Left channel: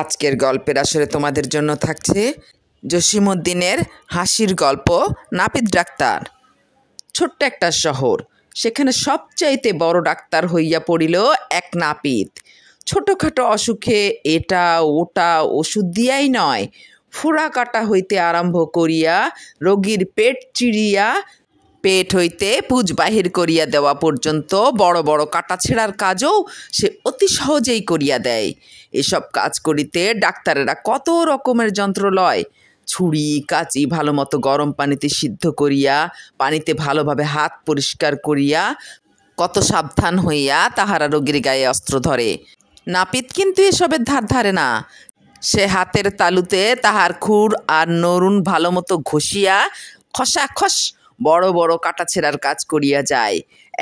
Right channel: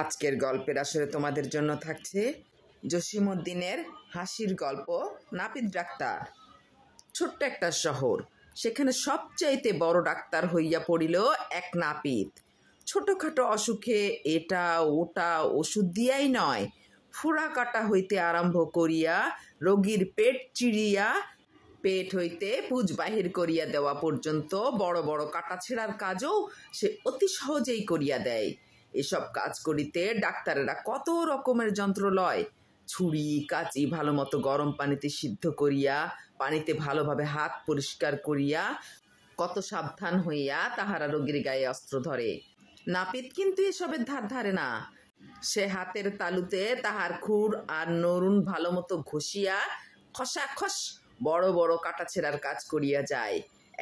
আজকের গল্পের আসরে তোমাদের জন্য থাকছে জসিমউদ্দিনের হাসির গল্প নাপিত ডাক্তার। ছোট্ট একটা শহর, সেখানে সবচাইতে বড় ডাক্তার হইয়া পড়িল এক নাপিত। ছোটোখাটো অসুখে এটা ওটা ওষুধ দিয়াই নয়, ফোড়া কাটা হইতে আরম্ভ করিয়া রোগীর পেট চিরিয়া পেট হইতে পুজ বাহির করিয়া দেওয়া পর্যন্ত বড় বড় কাটা ছেঁড়ার কাজও সে অতি সহজেই করিয়া দেয়। এসব কাজ করিতে ডাক্তারেরা কত রকমের যন্ত্র লয়। ছুরি কাঁচি ভালো মতো গরম পানিতে সিদ্ধ করিয়া পানিতে ভালোভাবে হাত পরিষ্কার করিয়া কত সাবধান হইয়া তাহারা রোগীর গায়ে অস্ত্র ধরে। নাপিত কিন্তু এসবের ধার ধারে না। সে হাতের তালুতে তাহার খুর আর নরুন ভালো মতো ঘষিয়া খসাখস বড় বড় কাটা ছেঁড়ার কাজ করিয়া যায়।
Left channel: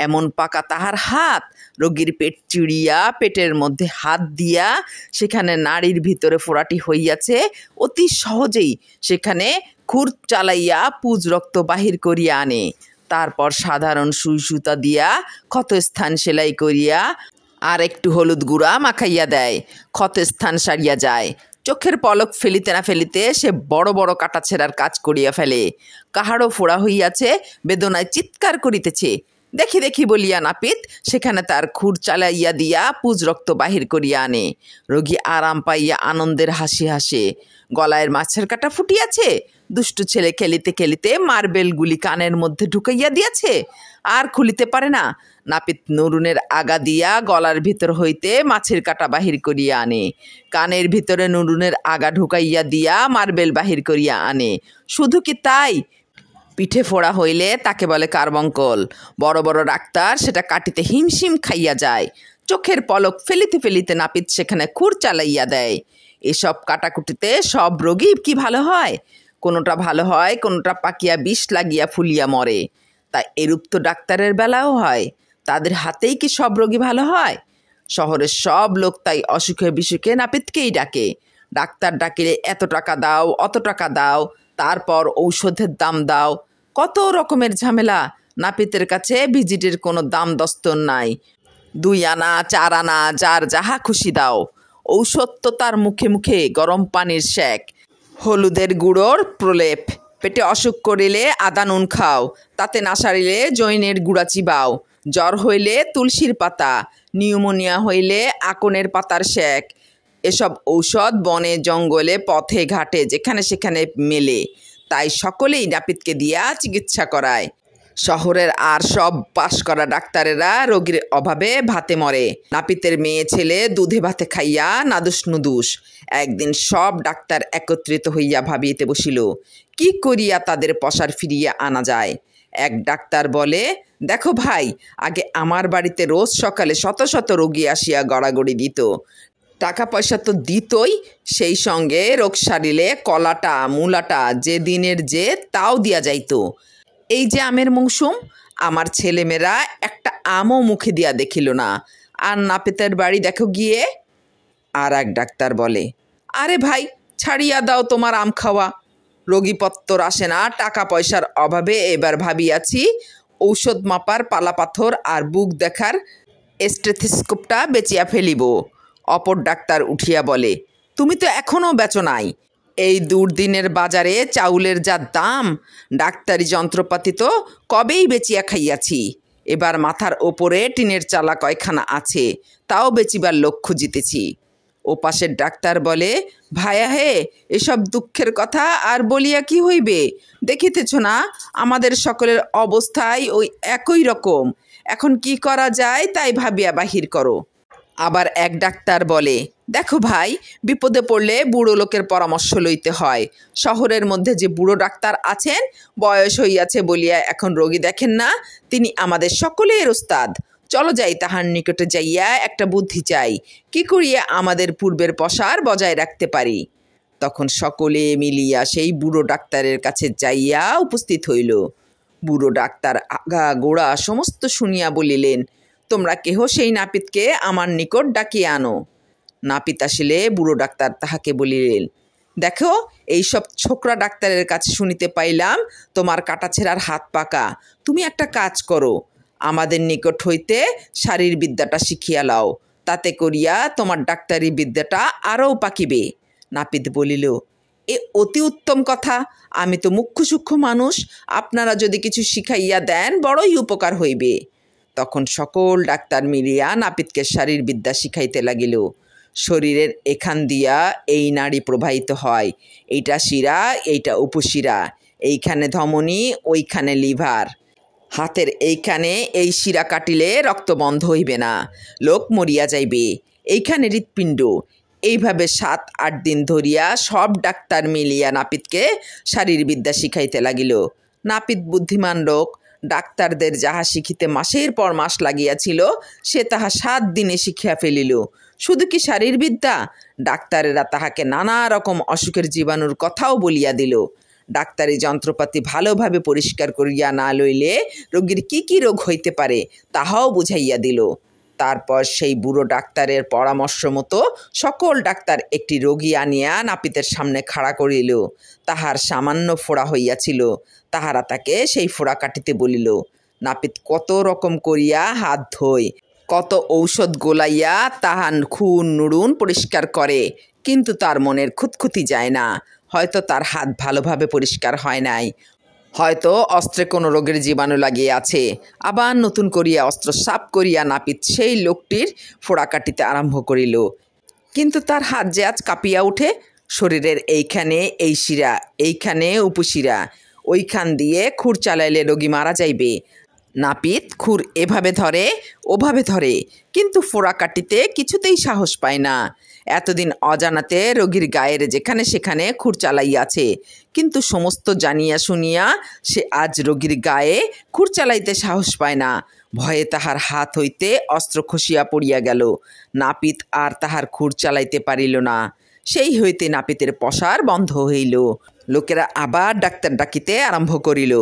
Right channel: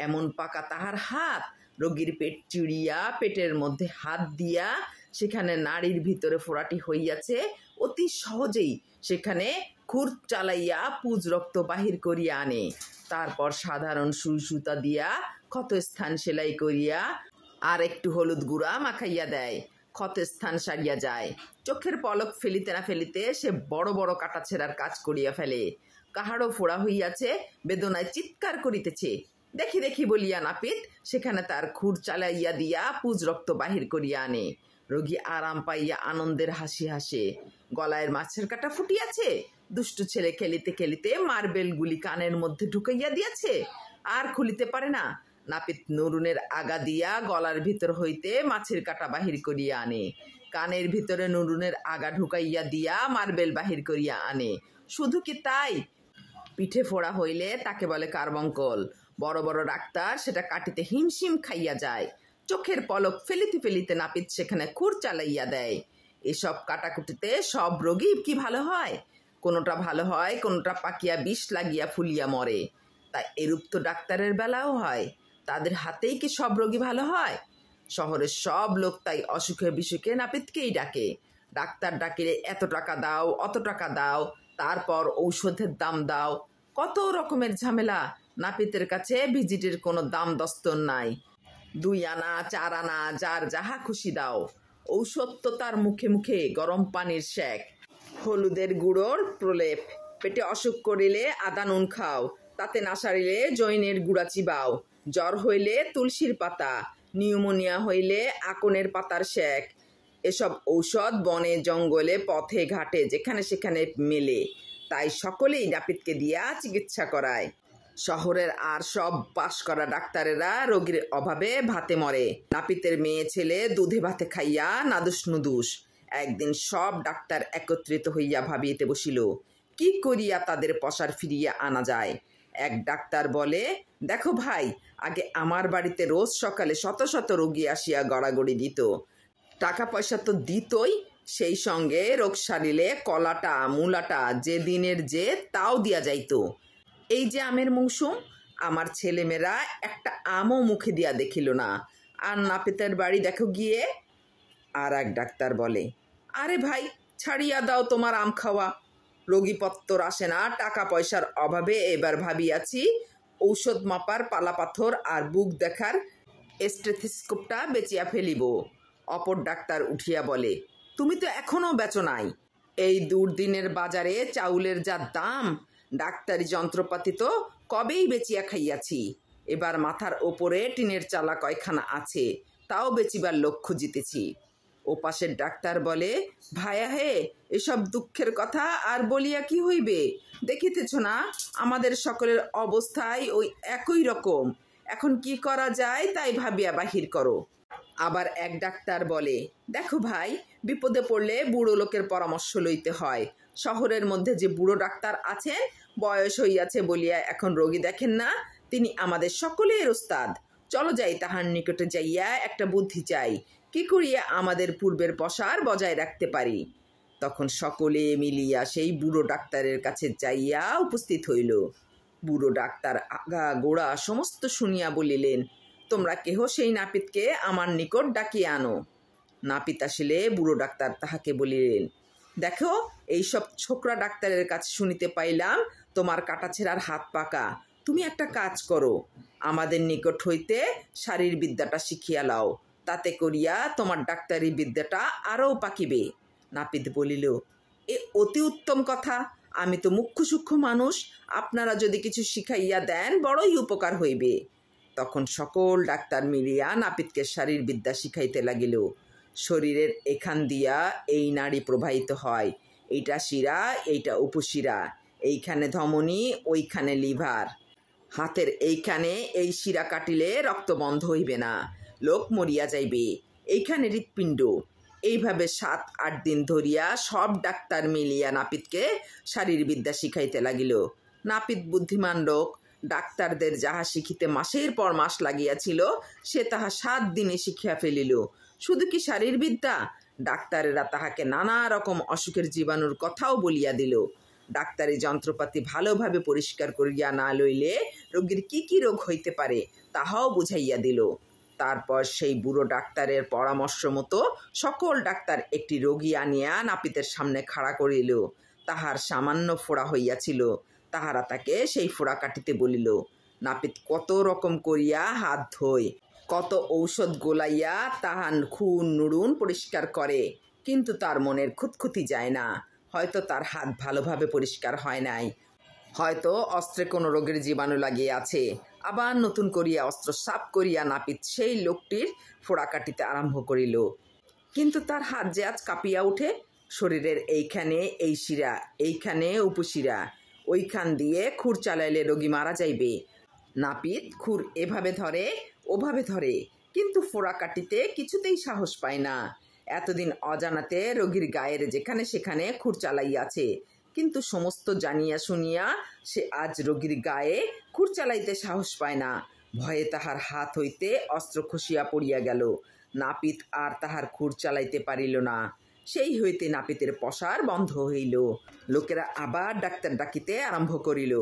এমন পাকা তাহার হাত, রোগীর পেট চিড়িয়া পেটের মধ্যে হাত দিয়া সেখানে নাড়ির ভিতরে ফোড়াটি হইয়াছে, অতি সহজেই সেখানে খুর চালাইয়া পুজ রক্ত বাহির করিয়া আনে। তারপর সাধারণ সুই সুতা দিয়া ক্ষত স্থান সেলাই করিয়া আর একটু হলুদ গুঁড়া মাখাইয়া দেয়, ক্ষত স্থান সারিয়া যায়। চোখের পলক ফেলিতে না ফেলিতে সে বড় বড় কাটা ছেঁড়ার কাজ করিয়া ফেলে। কাহারও ফোড়া হইয়াছে, বেদনায় চিৎকার করিতেছে, দেখি দেখি বলিয়া নাপিত সেখানে তার খুর চালাইয়া দিয়া পুজ রক্ত বাহির করিয়া আনে। রোগী আরাম পাইয়া আনন্দের হাসি হাসে। গলায় মাছের কাটা ফুটিয়াছে, দুষ্টু ছেলে খেলিতে খেলিতে মার্বেলগুলি কানের মধ্যে ঢুকাইয়া দিয়াছে, আর খুলিতে পারে না। নাপিত নরুনের আগা দিয়া গলার ভিতর হইতে মাছের কাটা বাহির করিয়া আনে, কানের ভিতরে নরুনের আগা ঢুকাইয়া দিয়া মার্বেল বাহির করিয়া আনে। শুধু কি তাই, পিঠে ফোড়া হইলে তাকে বলে কার্বঙ্কল। বড় বড় ডাক্তার সেটা কাটিতে হিমশিম খাইয়া যায়। চোখের পলক ফেলিতে ফেলিতে নাপিত সেখানে খুর চালাইয়া দেয়। এসব কাটাকুটিতে সব রোগী কি ভালো হয়? কোনোটা ভালো হয়, কোনোটা পাকিয়া বিষ লাগিয়া ফুলিয়া মরে। তাই এরূপ তো ডাক্তারের বেলাও হয়। তাদের হাতেই কি সব রোগী ভালো হয়? শহরের সব লোক তাই অসুখে বিসুখে নাপিতকেই ডাকে। ডাক্তার ডাকিলে এত টাকা দাও, অত টাকা দাও, তারপর ঔষধের দাম দাও, কত রকমের ঝামেলা। নাপিতের কাছে ভিজিটের কোনো দাম দস্তর নাই। 2 আনা 4 আনা যার যাহা খুশি দাও। ঔষধ তো তার মুখে মুখে গরম পানির সেক, হলুদের গুঁড়োর প্রলেপ। পেটে অসুখ করিলে আদা নুন খাও, তাতে না সারিলে জৈনের গুঁড়া চিবাও। জ্বর হইলে তুলসীর পাতা, নিউমোনিয়া হইলে আকনের পাতার সেক। এসব ঔষধ বনে জঙ্গলে পথে ঘাটে যেখানে সেখানে মেলে। তাই সকলেই নাপিতকে দিয়া চিকিৎসা করায়। শহরের আর সব পাশ করা ডাক্তারেরা রোগীর অভাবে ভাতে মরে। নাপিতের মেয়ে ছেলে দুধে ভাতে খাইয়া নাদুস নুদুস। একদিন সব ডাক্তার একত্রিত হইয়া ভাবিতে বসিল, কি করিয়া তাদের পসার ফিরিয়া আনা যায়। এক ডাক্তার বলে, দেখো ভাই, আগে আমার বাড়িতে রোজ সকালে শত শত রোগী আসিয়া গড়াগড়ি দিত। টাকা পয়সা তো দিতই, সেই সঙ্গে রোগ সারিলে কলাটা মূলাটা যে দিনের যে তাও দিয়া যাইত। এই যে আমের মৌসুম, আমার ছেলেমেয়েরা একটা আমও মুখে দিয়া দেখিল না। আর নাপিতের বাড়ি দেখো গিয়ে। আর এক ডাক্তার বলে, আরে ভাই, ছাড়িয়া দাও তোমার আম খাওয়া। রোগীপত্তর আসে না, টাকা পয়সার অভাবে এবার ভাবিয়াছি ঔষধ মাপার পালাপাথর আর বুক দেখার স্টেথিস্কোপটা বেচিয়া ফেলিব। অপর ডাক্তার উঠিয়া বলে, তুমি তো এখনও বেচো নাই। এই দুর্দিনের বাজারে চাউলের যা দাম, ডাক্তারি যন্ত্রপাতি তো কবেই বেচিয়া খাইয়াছি। এবার মাথার ওপরে টিনের চালা কয়খানা আছে, তাও বেচিবার লক্ষ্য জিতেছি। ও পাশের ডাক্তার বলে, ভায়া হে, এসব দুঃখের কথা আর বলিয়া কি হইবে? দেখিতেছ না আমাদের সকলের অবস্থায় ওই একই রকম। এখন কি করা যায় তাই ভাবিয়া বাহির করো। আবার এক ডাক্তার বলে, দেখো ভাই, বিপদে পড়লে বুড়ো লোকের পরামর্শ লইতে হয়। শহরের মধ্যে যে বুড়ো ডাক্তার আছেন, বয়স হইয়াছে বলিয়া এখন রোগী দেখেন না, তিনি আমাদের সকলের ওস্তাদ। চলো যাই তাহার নিকটে যাইয়া একটা বুদ্ধি চাই, কি করিয়া আমাদের পূর্বের পসার বজায় রাখতে পারি। তখন সকলে মিলিয়া সেই বুড়ো ডাক্তারের কাছে যাইয়া উপস্থিত হইল। বুড়ো ডাক্তার আগা গোড়া সমস্ত শুনিয়া বলিলেন, তোমরা কেহ সেই নাপিতকে আমার নিকট ডাকিয়ে আনো। নাপিত আসিলে বুড়ো ডাক্তার তাহাকে বলিলেন, দেখো, এইসব ছোকরা ডাক্তারের কাছে শুনিতে পাইলাম তোমার কাটাছেঁড়ার হাত পাকা। তুমি একটা কাজ করো, আমাদের নিকট হইতে শারীরবিদ্যাটা শিখিয়া লাও, তাতে করিয়া তোমার ডাক্তারি বিদ্যাটা আরও পাকিবে। নাপিত বলিল, এ অতি উত্তম কথা। আমি তো মুখ্য সূক্ষ্ম মানুষ, আপনারা যদি কিছু শিখাইয়া দেন বড়ই উপকার হইবে। তখন সকল ডাক্তার মিলিয়া নাপিতকে শারীরবিদ্যা শিখাইতে লাগিল। শরীরের এখান দিয়া এই নাড়ি প্রবাহিত হয়, এইটা শিরা, এইটা উপশিরা, এইখানে ধমনী, ওইখানে লিভার। হাতের এইখানে এই শিরা কাটিলে রক্ত বন্ধ হইবে না, লোক মরিয়া যাইবে। এইখানে হৃৎপিণ্ড। এইভাবে 7-8 দিন ধরিয়া সব ডাক্তার মিলিয়া নাপিতকে শারীরবিদ্যা শিখাইতে লাগিল। নাপিত বুদ্ধিমান লোক, ডাক্তারদের যাহা শিখিতে মাসের পর মাস লাগিয়াছিল সে তাহা 7 দিনে শিখিয়া ফেলিল। শুধু কি শারীরবিদ্যা, ডাক্তারেরা তাহাকে নানা রকম অসুখের জীবাণুর কথাও বলিয়া দিল। ডাক্তারি যন্ত্রপাতি ভালোভাবে পরিষ্কার করিয়া না লইলে রোগীর কি কি রোগ হইতে পারে তাহাও বুঝাইয়া দিল। তারপর সেই বুড়ো ডাক্তারের পরামর্শ মতো সকল ডাক্তার একটি রোগী আনিয়া নাপিতের সামনে খাড়া করিল। তাহার সামান্য ফোড়া হইয়াছিল, তাহারা তাকে সেই ফোড়া কাটিতে বলিল। নাপিত কত রকম করিয়া হাত ধোয়, কত ঔষধ গোলাইয়া তাহার খুন নুড়ুন পরিষ্কার করে, কিন্তু তার মনের খুঁতখুঁতি যায় না। হয়তো তার হাত ভালোভাবে পরিষ্কার হয় নাই, হয়তো অস্ত্রে কোনো রোগের জীবাণু লাগিয়ে আছে। আবার নতুন করিয়া অস্ত্র সাফ করিয়া নাপিত সেই লোকটির ফোড়া কাটিতে আরম্ভ করিল। কিন্তু তার হাত যে আজ কাঁপিয়া ওঠে। শরীরের এইখানে এই শিরা, এইখানে উপশিরা, ওইখান দিয়ে খুর চালাইলে রোগী মারা যাইবে। নাপিত খুর এভাবে ধরে, ওভাবে ধরে, কিন্তু ফোড়া কাটিতে কিছুতেই সাহস পায় না। এতদিন অজানাতে রোগীর গায়ের যেখানে সেখানে খুর চালাইয়াছে, কিন্তু সমস্ত জানিয়া শুনিয়া সে আজ রোগীর গায়ে খুর চালাইতে সাহস পায় না। ভয়ে তাহার হাত হইতে অস্ত্র খসিয়া পড়িয়া গেল। নাপিত আর তাহার খুর চালাইতে পারিল না। সেই হইতে নাপিতের পসার বন্ধ হইল। লোকেরা আবার ডাক্তার ডাকিতে আরম্ভ করিল।